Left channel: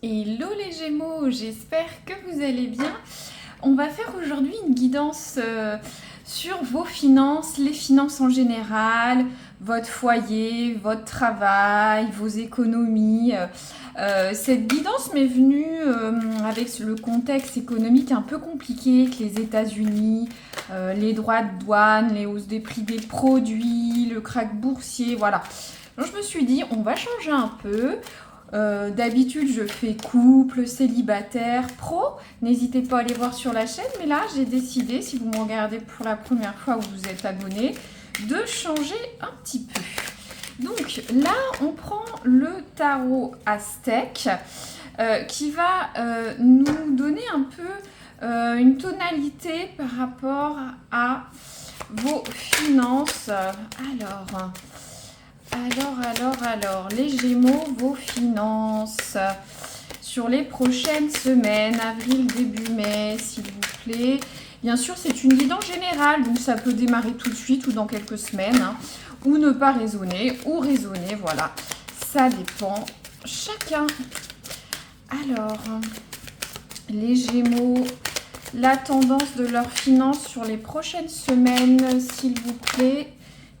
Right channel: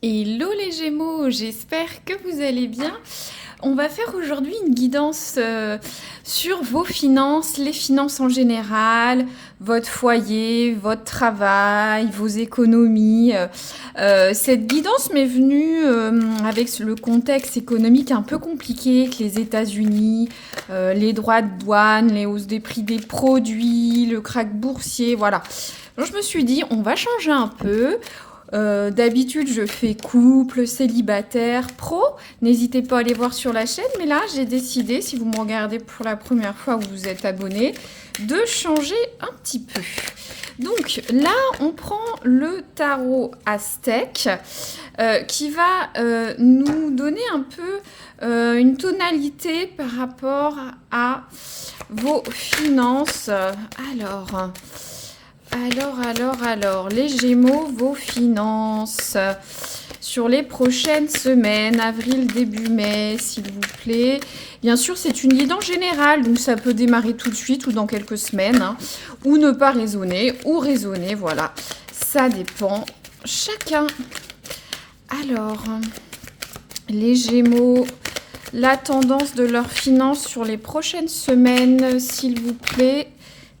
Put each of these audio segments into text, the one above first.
Hello les Gémeaux, j'espère que vous allez bien. On va faire aujourd'hui une guidance sur vos finances, les finances en général, votre foyer, votre travail, vos économies. Cette guidance m'est venue avec le contexte économique un peu compliqué que les États-Unis, les droits de douane, les hausses des prix des produits, le krach boursier, voilà. Donc je me suis dit, on va changer un peu. D'habitude, je fais couple, célibataire, pro. N'hésitez pas à aller voir sur la chaîne. Mais là, j'ai décidé, si vous me regardez pour la première fois ou vous êtes abonné, de changer un petit peu. Donc là, on prend le tarot aztèque qui va nous donner un peu une tonalité par rapport à vos finances. Alors, les Gémeaux, vos finances sur les prochaines semaines, avril, début mai, s'il vous plaît. Bien sûr, c'est une guidance générale, donc ça peut démarrer tout de suite ou dans quelques semaines, hein, ou ne pas raisonner, ou raisonner, voilà. Ça dépend chacun. Alors, les Gémeaux, la tendance de leurs finances sur les prochaines semaines, s'il vous plaît.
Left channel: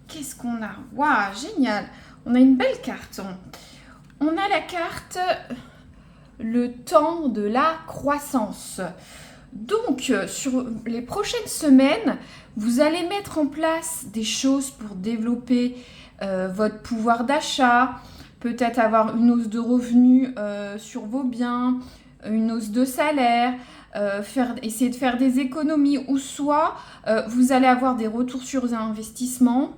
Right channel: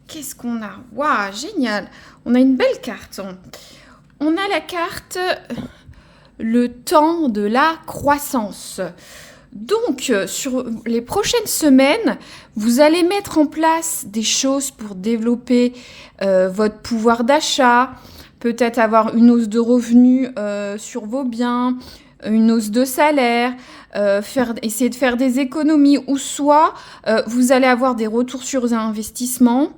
Qu'est-ce qu'on a? Waouh, génial. On a une belle carte. On a la carte le temps de la croissance. Donc, sur les prochaines semaines, vous allez mettre en place des choses pour développer votre pouvoir d'achat, peut-être avoir une hausse de revenus sur vos biens, une hausse de salaire, essayer de faire des économies, ou soit vous allez avoir des retours sur investissements,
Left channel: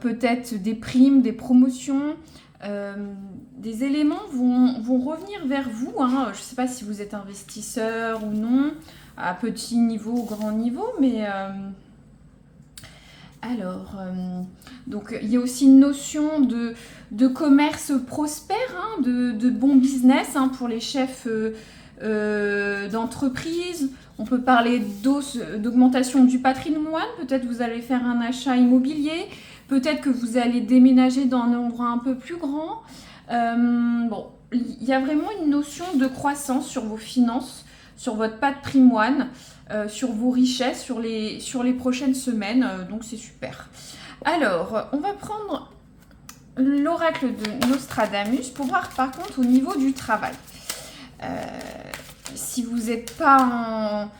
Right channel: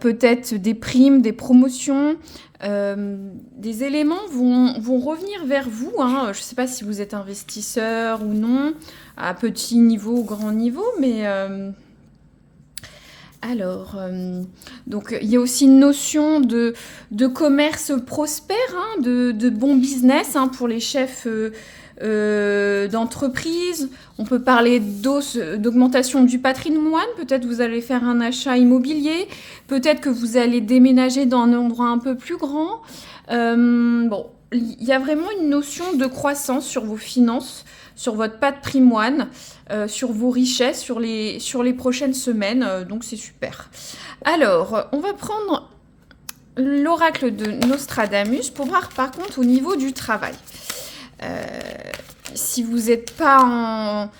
peut-être des primes, des promotions, des éléments vont revenir vers vous, hein. Je ne sais pas si vous êtes investisseur ou non, à petit niveau ou grand niveau, mais donc il y a aussi une notion de commerce prospère, hein, de bon business, hein, pour les chefs d'entreprise. On peut parler d'augmentation du patrimoine. Peut-être vous allez faire un achat immobilier. Peut-être que vous allez déménager dans un endroit un peu plus grand. Bon, il y a vraiment une notion de croissance sur vos finances, sur votre patrimoine, sur vos richesses, sur les prochaines semaines. Donc c'est super. Alors, on va prendre l'oracle de Nostradamus pour voir par contre au niveau du travail. Si vous n'êtes pas en...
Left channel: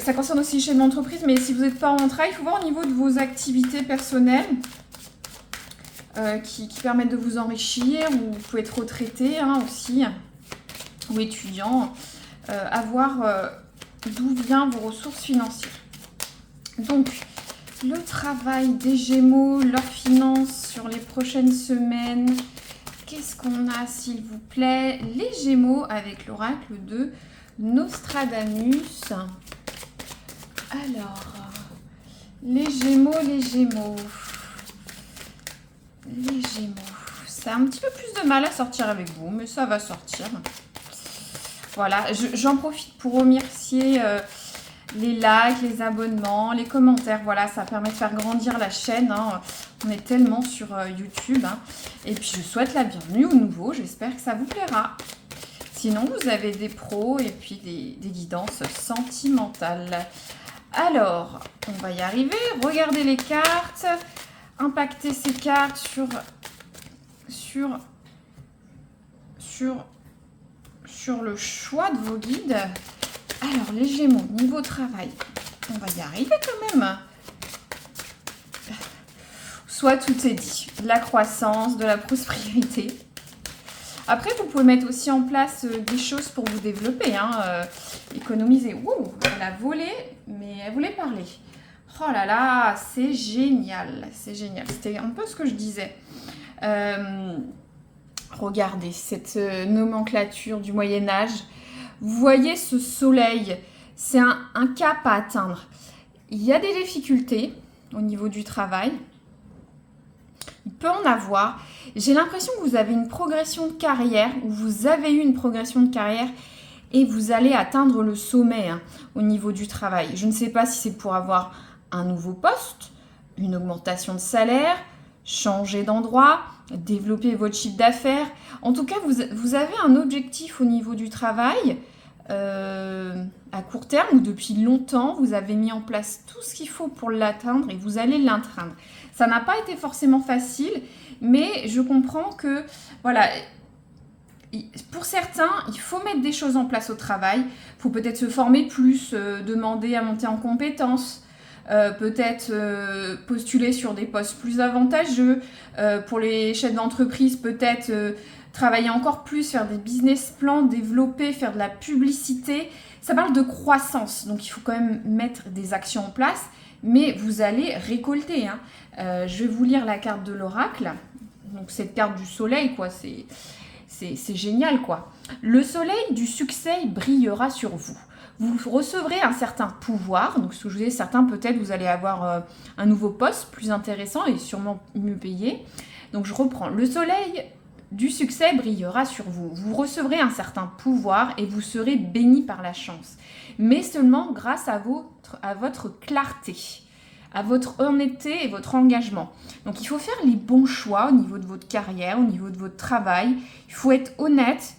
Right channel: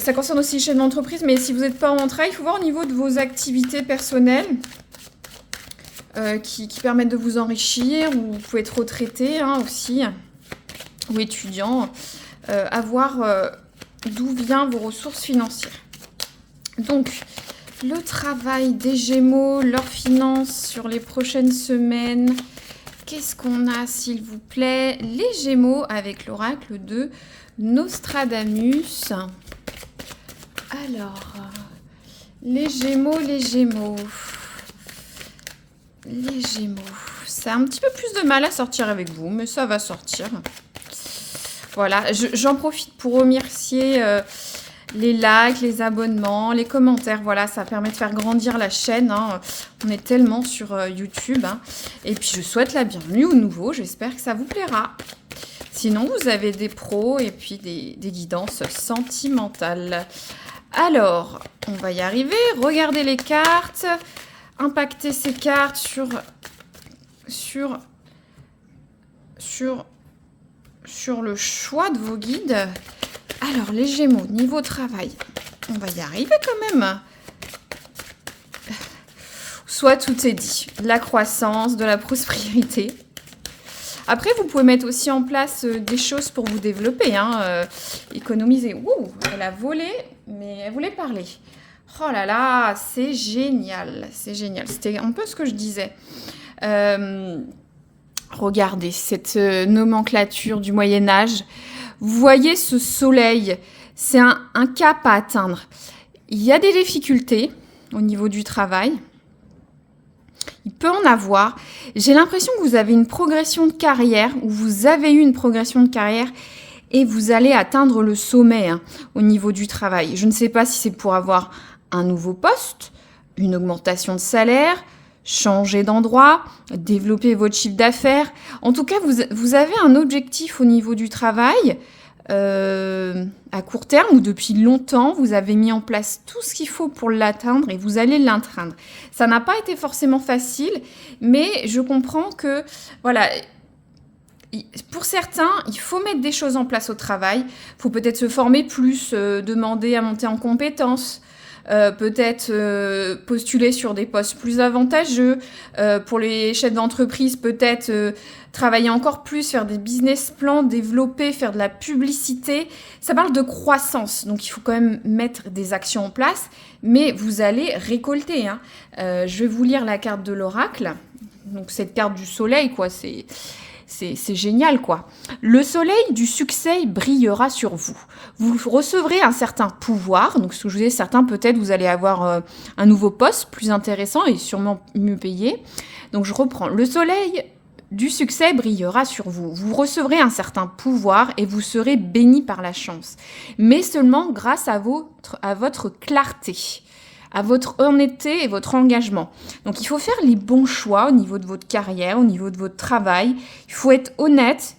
Ça concerne aussi les chaînes d'entreprise, mais si vous n'êtes pas en travail, il faut voir au niveau de vos activités personnelles qui permettent de vous enrichir, ou vous pouvez être retraité, hein, aussi, ou étudiant, à voir d'où viennent vos ressources financières. Donc, le travail des Gémeaux, leurs finances sur les prochaines semaines. Qu'est-ce qu'on a, s'il vous plaît? Les Gémeaux avec l'oracle de Nostradamus. Alors, les Gémeaux. Ça a un petit peu plus de mal à sortir avec vous, mais ça va sortir. Voilà, j'en profite pour remercier les likes, les abonnements, les commentaires. Voilà, ça permet de faire grandir la chaîne, hein. On est tellement sur YouTube, hein. Et puis, je souhaite la bienvenue aux nouveaux. J'espère que ça vous plaira. Sinon, vous avez des pros et puis des guidances sentimentales. Alors, on va y arriver. Regardez les cartes. Impactez ces cartes sur le choix de vos guides. Alors, les Gémeaux, niveau travail, on va y arriver quand même. Soit tout est dit, de la croissance, de la prospérité. Après, vous pouvez mettre aussi en place des choses pour vous développer, hein, économiser. Ouh, elle a volé, mais elle voulait parler. Oh là là, c'est génial, c'est génial. C'était un peu ce que je disais. Regardez cette nomenclature du Moyen-Âge. Vous voyez ce soleil, c'est un cap à atteindre. Il y a des difficultés au niveau du travail. Il peut en avoir. J'ai l'impression que vous avez une progression de carrière, ou vous avez eu une progression de carrière, et vous allez atteindre le sommet, hein, au niveau du travail. Je ne sais pas si c'est pour avoir un nouveau poste, une augmentation de salaire, changer d'endroit, développer votre chiffre d'affaires. En tout cas, vous avez un objectif au niveau du travail à court terme ou depuis longtemps, vous avez mis en place tout ce qu'il faut pour l'atteindre et vous allez l'atteindre. Ça n'a pas été forcément facile, mais je comprends que, voilà, pour certains, il faut mettre des choses en place au travail. Il faut peut-être se former plus, demander à monter en compétences, peut-être postuler sur des postes plus avantageux. Pour les chefs d'entreprise, peut-être travailler encore plus, faire des business plans, développer, faire de la publicité. Ça parle de croissance, donc il faut quand même mettre des actions en place, mais vous allez récolter, hein. Je vais vous lire la carte de l'oracle. Donc cette carte du soleil, quoi, c'est génial, quoi. Le soleil du succès brillera sur vous. Vous recevrez un certain pouvoir. Donc, ce que je vous disais, certains, peut-être, vous allez avoir un nouveau poste plus intéressant et sûrement mieux payé. Donc, je reprends. Le soleil du succès brillera sur vous. Vous recevrez un certain pouvoir et vous serez béni par la chance. Mais seulement grâce à votre clarté, à votre honnêteté et votre engagement. Donc il faut faire les bons choix au niveau de votre carrière, au niveau de votre travail. Il faut être honnête.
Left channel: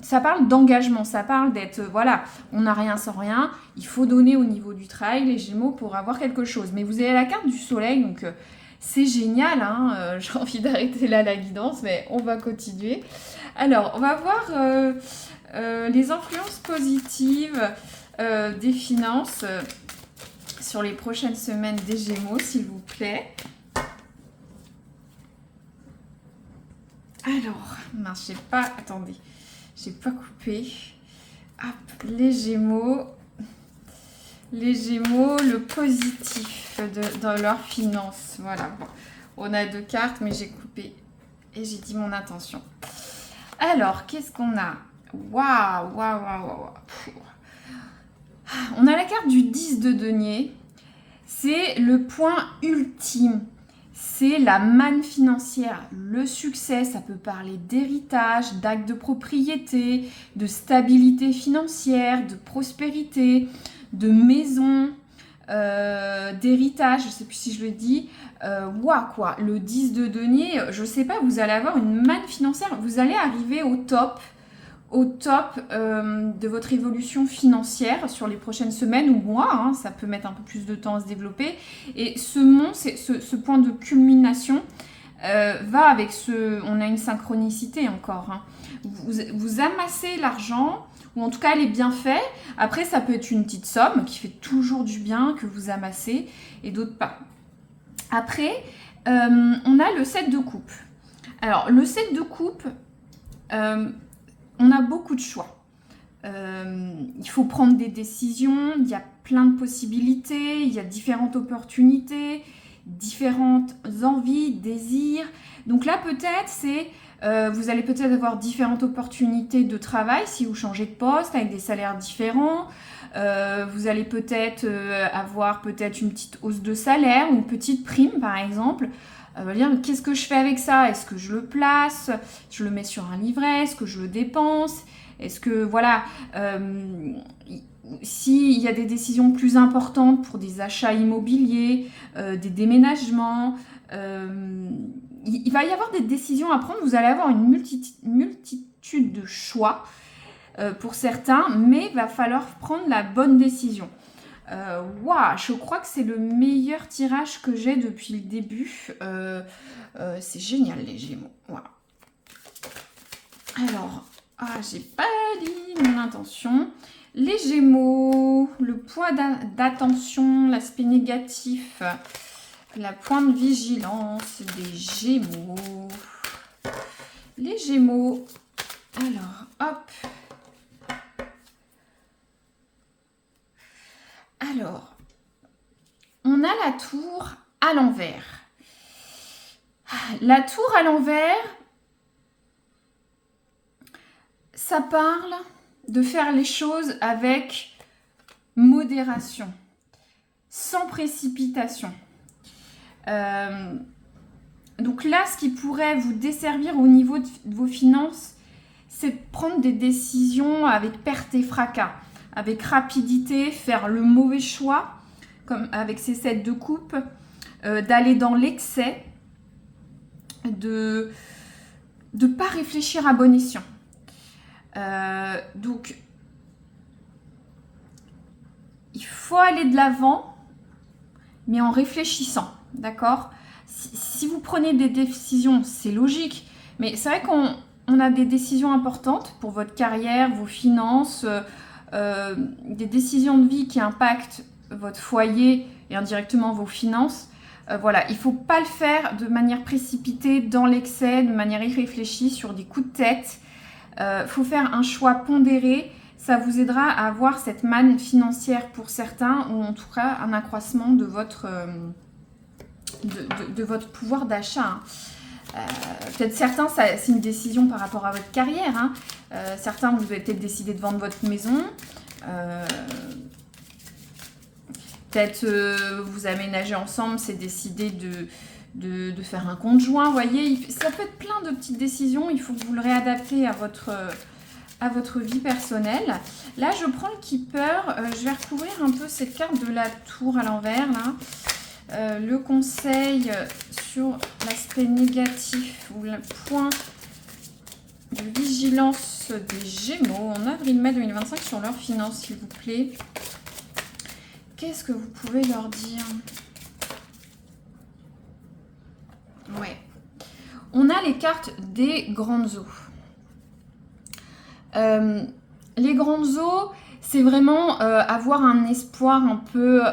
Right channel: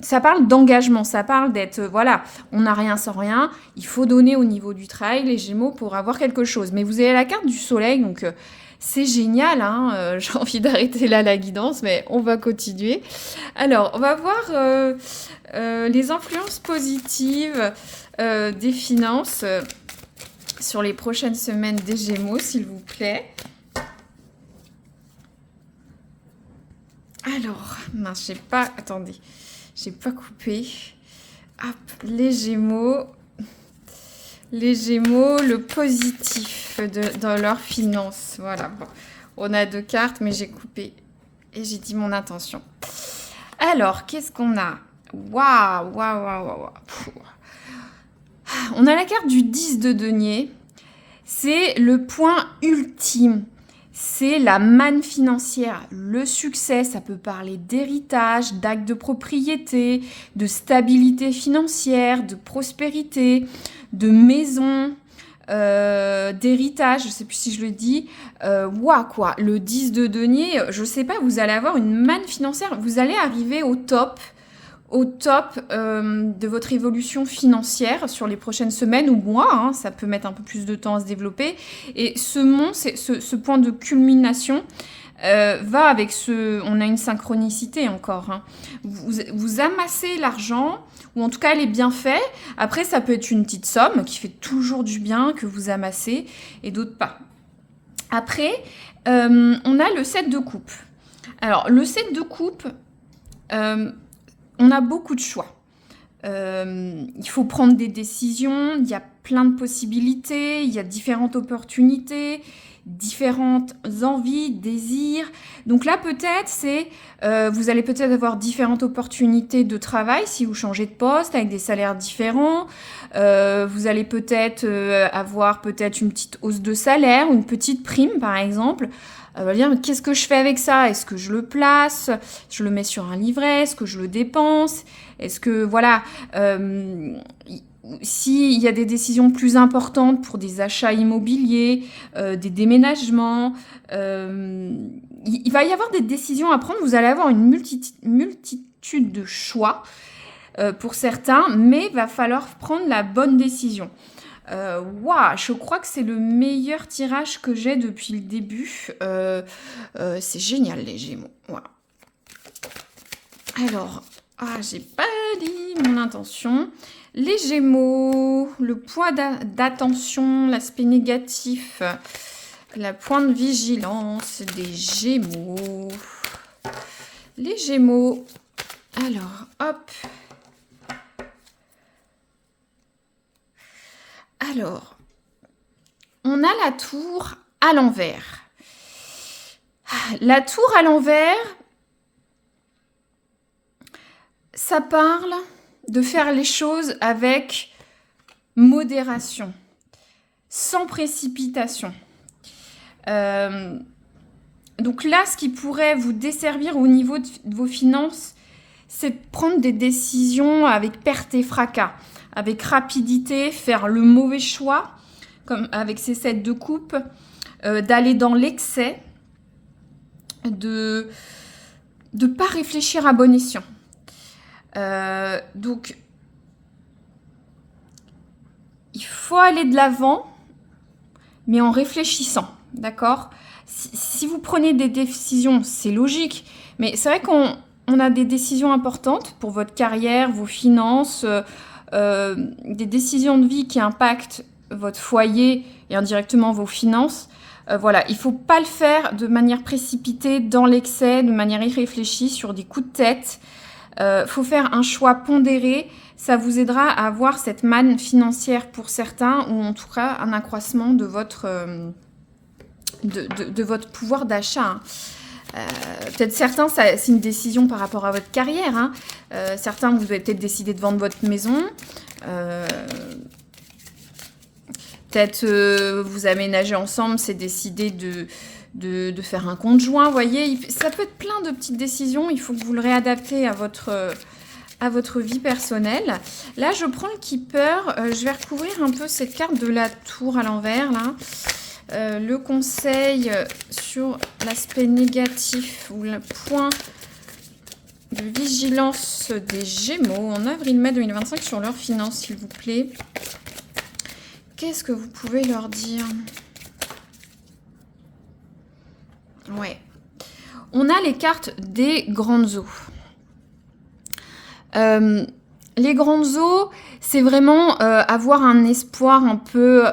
Ça parle d'engagement, ça parle d'être, voilà, on n'a rien sans rien. Il faut donner au niveau du travail, les Gémeaux, pour avoir quelque chose. Mais vous avez la carte du soleil, donc c'est génial, hein. J'ai envie d'arrêter là la guidance, mais on va continuer. Alors, on va voir les influences positives des finances sur les prochaines semaines des Gémeaux, s'il vous plaît. Alors, mince, attendez, j'ai pas coupé. Hop, les Gémeaux, le positif dans leurs finances. Voilà, bon, on a 2 cartes, mais j'ai coupé et j'ai dit mon intention. Alors, qu'est-ce qu'on a? Waouh. On a la carte du 10 de denier. C'est le point ultime. C'est la manne financière. Le succès, ça peut parler d'héritage, d'acte de propriété, de stabilité financière, de prospérité, de maison, d'héritage. Je ne sais plus si je le dis. Quoi. Le 10 de denier, je ne sais pas, vous allez avoir une manne financière. Vous allez arriver au top de votre évolution financière sur les prochaines semaines ou mois, hein, ça peut mettre un peu plus de temps à se développer. Et ce point de culmination va avec on a une synchronicité encore, hein. Vous amassez l'argent, ou en tout cas elle est bien faite. Après, ça peut être une petite somme qui fait toujours du bien que vous amassez et d'autres pas. Après, on a le 7 de coupe. Alors, le 7 de coupe, on a beaucoup de choix. Il faut prendre des décisions, il y a plein de possibilités, il y a différentes opportunités, différentes envies, désirs. Donc là, peut-être, vous allez peut-être avoir différentes opportunités de travail si vous changez de poste avec des salaires différents. Vous allez peut-être avoir une petite hausse de salaire ou une petite prime, par exemple. Dire, mais qu'est-ce que je fais avec ça? Est-ce que je le place? Je le mets sur un livret? Est-ce que je le dépense? Est-ce que, voilà, s'il y a des décisions plus importantes pour des achats immobiliers, des déménagements, il va y avoir des décisions à prendre. Vous allez avoir une multitude de choix pour certains, mais il va falloir prendre la bonne décision. Je crois que c'est le meilleur tirage que j'ai depuis le début. C'est génial, les Gémeaux. Voilà. Alors, j'ai pas dit mon intention. Les Gémeaux, le poids d'attention, l'aspect négatif, la pointe de vigilance des Gémeaux. Les Gémeaux. Alors, hop. Alors, on a la tour à l'envers. La tour à l'envers, ça parle de faire les choses avec modération, sans précipitation. Donc là, ce qui pourrait vous desservir au niveau de vos finances, c'est de prendre des décisions avec perte et fracas, avec rapidité, faire le mauvais choix, comme avec ces 7 de coupe, d'aller dans l'excès. de ne pas réfléchir à bon escient. Donc, il faut aller de l'avant, mais en réfléchissant, d'accord? Si vous prenez des décisions, c'est logique, mais c'est vrai qu'on a des décisions importantes pour votre carrière, vos finances, des décisions de vie qui impactent votre foyer et indirectement vos finances. Voilà, il ne faut pas le faire de manière précipitée, dans l'excès, de manière irréfléchie, sur des coups de tête. Faut faire un choix pondéré. Ça vous aidera à avoir cette manne financière pour certains, ou en tout cas un accroissement de votre, de votre pouvoir d'achat. Peut-être certains, c'est une décision par rapport à votre carrière. Hein. Certains, vous avez peut-être décidé de vendre votre maison. Peut-être vous aménagez ensemble, c'est décidé de faire un compte joint. Vous voyez, ça peut être plein de petites décisions. Il faut que vous le réadaptez à votre vie personnelle. Là, je prends le Keeper. Je vais recouvrir un peu cette carte de la tour à l'envers, là. Le conseil sur l'aspect négatif ou le point de vigilance des Gémeaux en avril-mai 2025 sur leurs finances, s'il vous plaît. Qu'est-ce que vous pouvez leur dire? Ouais. On a les cartes des grandes eaux. Les grandes eaux, c'est vraiment avoir un espoir un peu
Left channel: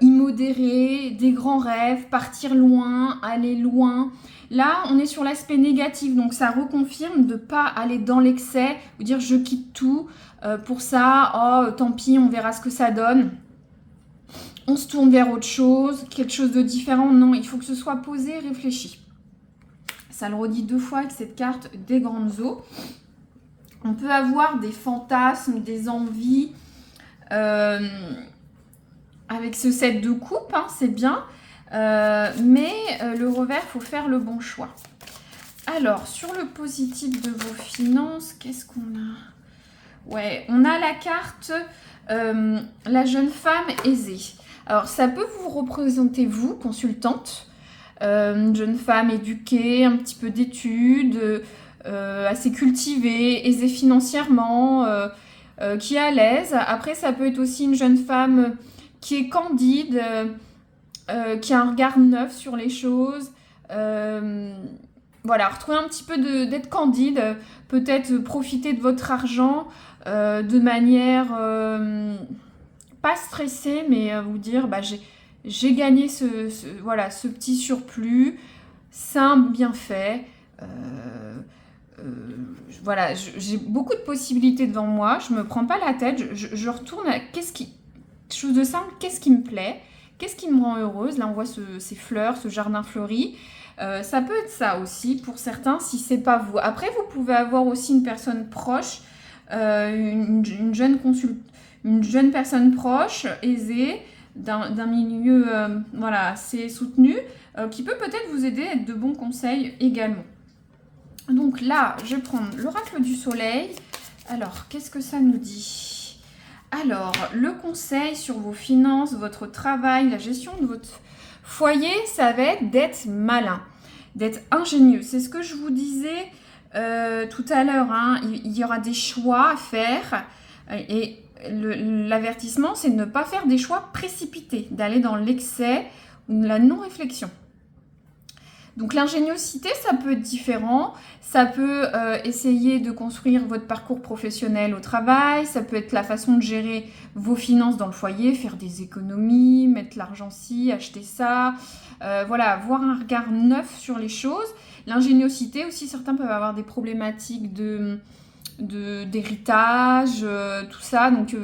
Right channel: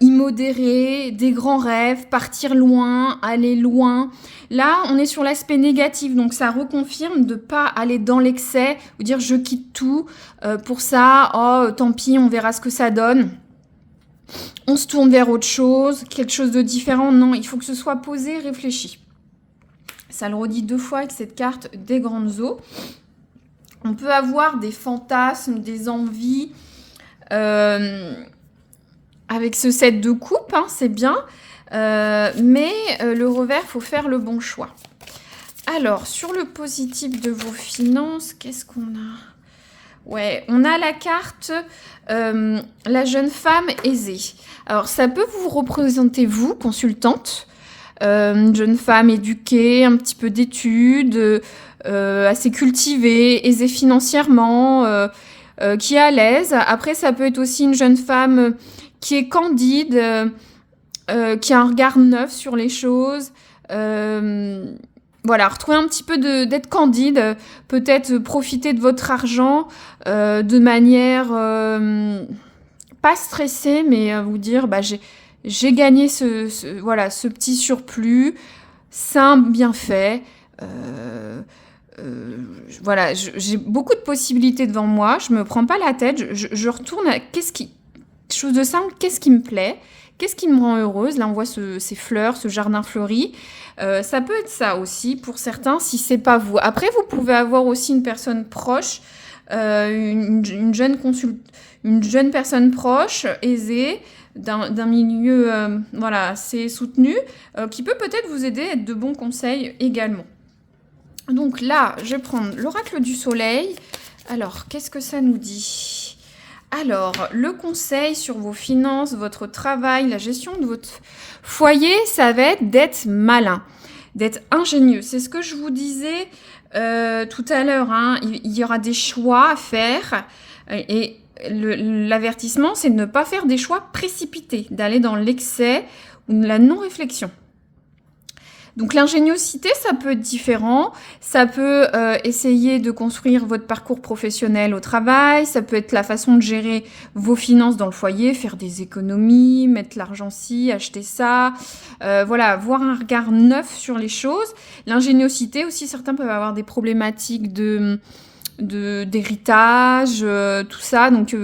immodéré, des grands rêves, partir loin, aller loin. Là, on est sur l'aspect négatif, donc ça reconfirme de ne pas aller dans l'excès, ou dire je quitte tout pour ça, oh tant pis, on verra ce que ça donne. On se tourne vers autre chose, quelque chose de différent. Non, il faut que ce soit posé, réfléchi. Ça le redit 2 fois avec cette carte des grandes eaux. On peut avoir des fantasmes, des envies avec ce 7 de coupe, hein, c'est bien. Mais le revers, il faut faire le bon choix. Alors, sur le positif de vos finances, qu'est-ce qu'on a? Ouais, on a la carte la jeune femme aisée. Alors, ça peut vous représenter, vous, consultante, une jeune femme éduquée, un petit peu d'études, assez cultivée, aisée financièrement, qui est à l'aise. Après, ça peut être aussi une jeune femme qui est candide, qui a un regard neuf sur les choses. Voilà, retrouver un petit peu d'être candide, peut-être profiter de votre argent de manière pas stressée, mais vous dire bah, j'ai gagné voilà, ce petit surplus, c'est un bienfait. Voilà, j'ai beaucoup de possibilités devant moi, je me prends pas la tête, je retourne à chose de simple, qu'est-ce qui me plaît, qu'est-ce qui me rend heureuse. Là on voit ces fleurs, ce jardin fleuri. Ça peut être ça aussi pour certains si c'est pas vous. Après vous pouvez avoir aussi une personne proche, une jeune personne proche, aisée, d'un milieu voilà, assez soutenu, qui peut peut-être vous aider à être de bons conseils également. Donc là, je vais prendre l'oracle du soleil. Alors, qu'est-ce que ça nous dit? Alors, le conseil sur vos finances, votre travail, la gestion de votre foyer, ça va être d'être malin, d'être ingénieux. C'est ce que je vous disais tout à l'heure. Hein. Il y aura des choix à faire et l'avertissement, c'est de ne pas faire des choix précipités, d'aller dans l'excès ou la non-réflexion. Donc l'ingéniosité, ça peut être différent, ça peut essayer de construire votre parcours professionnel au travail, ça peut être la façon de gérer vos finances dans le foyer, faire des économies, mettre l'argent-ci, acheter ça, voilà, avoir un regard neuf sur les choses. L'ingéniosité aussi, certains peuvent avoir des problématiques d'héritage, tout ça, donc...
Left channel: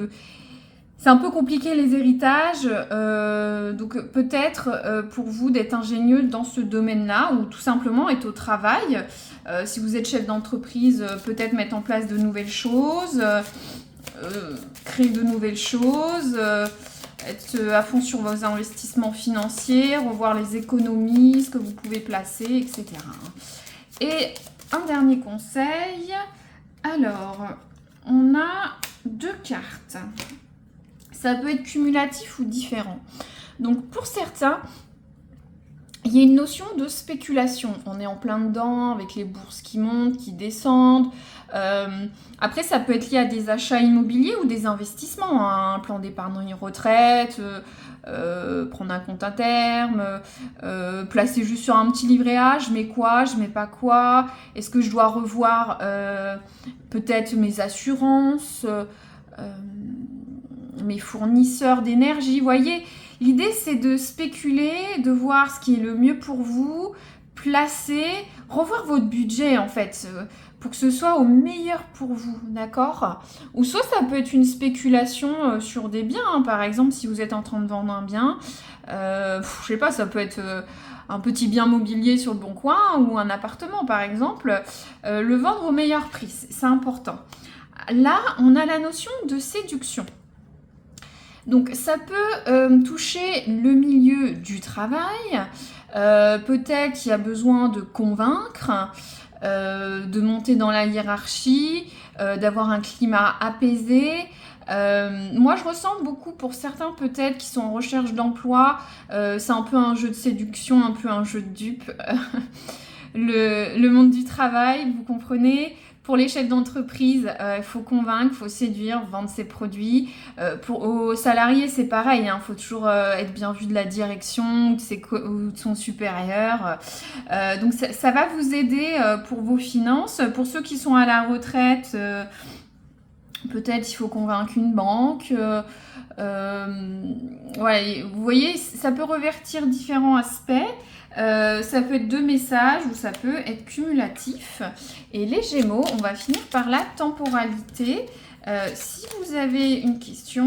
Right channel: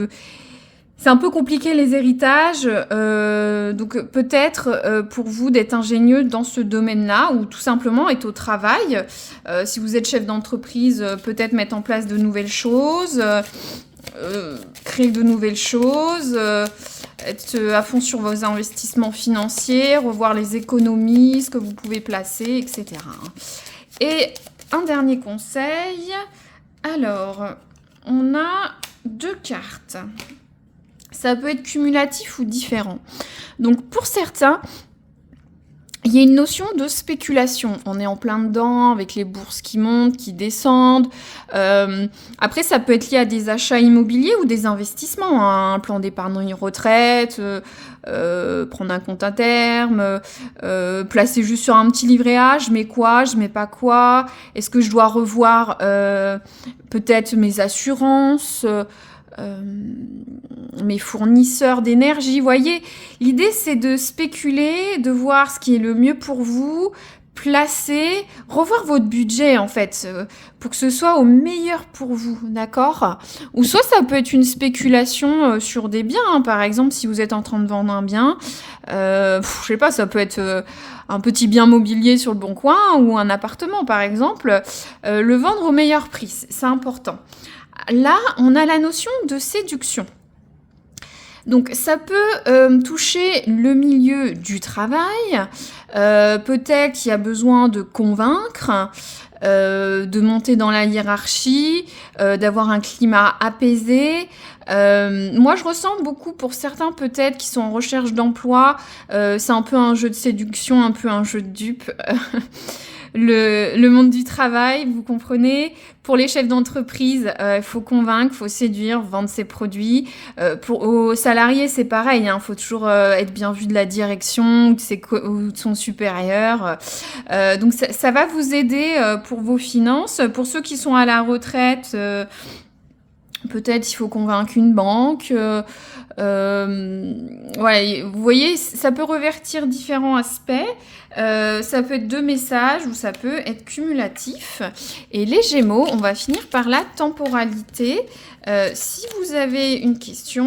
c'est un peu compliqué les héritages, donc peut-être pour vous d'être ingénieux dans ce domaine-là ou tout simplement être au travail. Si vous êtes chef d'entreprise, peut-être mettre en place de nouvelles choses, créer de nouvelles choses, être à fond sur vos investissements financiers, revoir les économies, ce que vous pouvez placer, etc. Et un dernier conseil, alors on a 2 cartes. Ça peut être cumulatif ou différent. Donc pour certains, il y a une notion de spéculation. On est en plein dedans avec les bourses qui montent, qui descendent. Après, ça peut être lié à des achats immobiliers ou des investissements, hein. Un plan d'épargne retraite, prendre un compte à terme, placer juste sur un petit livret A, je mets quoi, je mets pas quoi. Est-ce que je dois revoir peut-être mes assurances mes fournisseurs d'énergie, voyez. L'idée, c'est de spéculer, de voir ce qui est le mieux pour vous, placer, revoir votre budget, en fait, pour que ce soit au meilleur pour vous, d'accord? Ou soit ça peut être une spéculation sur des biens, hein. Par exemple, si vous êtes en train de vendre un bien, je sais pas, ça peut être un petit bien mobilier sur le Bon Coin ou un appartement, par exemple, le vendre au meilleur prix, c'est important. Là, on a la notion de séduction. Donc ça peut toucher le milieu du travail, peut-être qu'il y a besoin de convaincre, de monter dans la hiérarchie, d'avoir un climat apaisé. Moi je ressens beaucoup pour certains peut-être qui sont en recherche d'emploi, c'est un peu un jeu de séduction, un peu un jeu de dupe. Le monde du travail, vous comprenez. Pour les chefs d'entreprise, il faut convaincre, il faut séduire, vendre ses produits. Aux salariés, c'est pareil, hein, faut toujours être bien vu de la direction ou de son supérieur. Donc ça va vous aider pour vos finances. Pour ceux qui sont à la retraite, peut-être il faut convaincre une banque. Voilà, vous voyez, ça peut revertir différents aspects. Ça peut être 2 messages ou ça peut être cumulatif. Et les Gémeaux, on va finir par la temporalité. Si vous avez une question,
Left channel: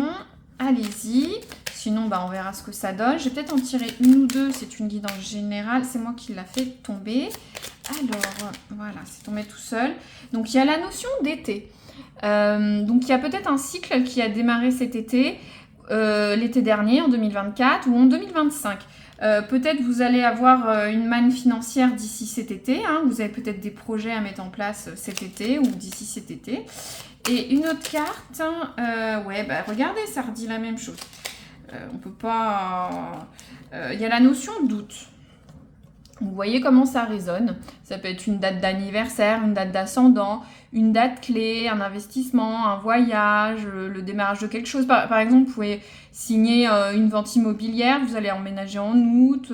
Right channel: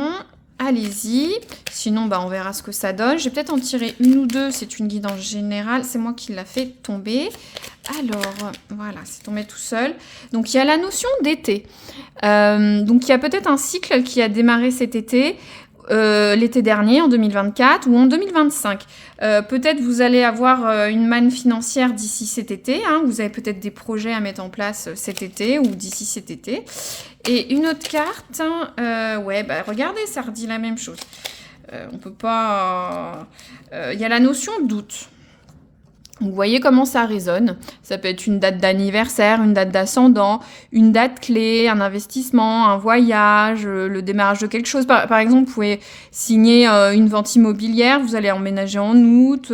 allez-y. Sinon, on verra ce que ça donne. Je vais peut-être en tirer une ou deux. C'est une guidance générale. C'est moi qui l'a fait tomber. Alors, voilà, c'est tombé tout seul. Donc, il y a la notion d'été. Donc, il y a peut-être un cycle qui a démarré cet été. L'été dernier, en 2024 ou en 2025. Peut-être vous allez avoir une manne financière d'ici cet été. Hein. Vous avez peut-être des projets à mettre en place cet été ou d'ici cet été. Et une autre carte, regardez, ça redit la même chose. On peut pas... Il y a la notion d'août. Vous voyez comment ça résonne. Ça peut être une date d'anniversaire, une date d'ascendant, une date clé, un investissement, un voyage, le démarrage de quelque chose. Par exemple, vous pouvez signer une vente immobilière, vous allez emménager en août,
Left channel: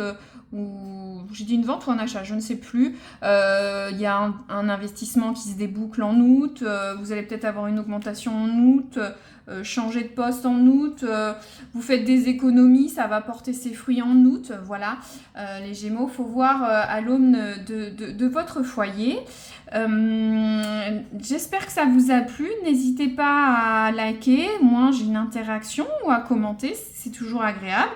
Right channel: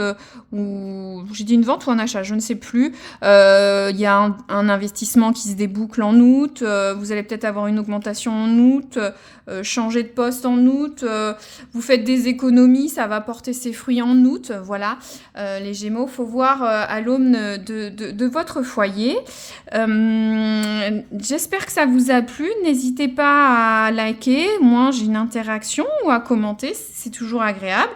ou j'ai dit une vente ou un achat, je ne sais plus. Il y a un investissement qui se déboucle en août, vous allez peut-être avoir une augmentation en août, changer de poste en août, vous faites des économies, ça va porter ses fruits en août, voilà. Les Gémeaux, il faut voir à l'aune de votre foyer. J'espère que ça vous a plu. N'hésitez pas à liker. Moi, j'ai une interaction ou à commenter. C'est toujours agréable.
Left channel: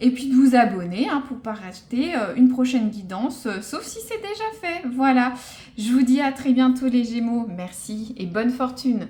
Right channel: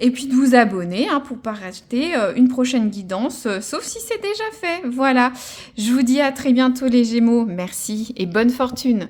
Et puis de vous abonner pour ne pas rater une prochaine guidance, sauf si c'est déjà fait. Voilà. Je vous dis à très bientôt les Gémeaux. Merci et bonne fortune.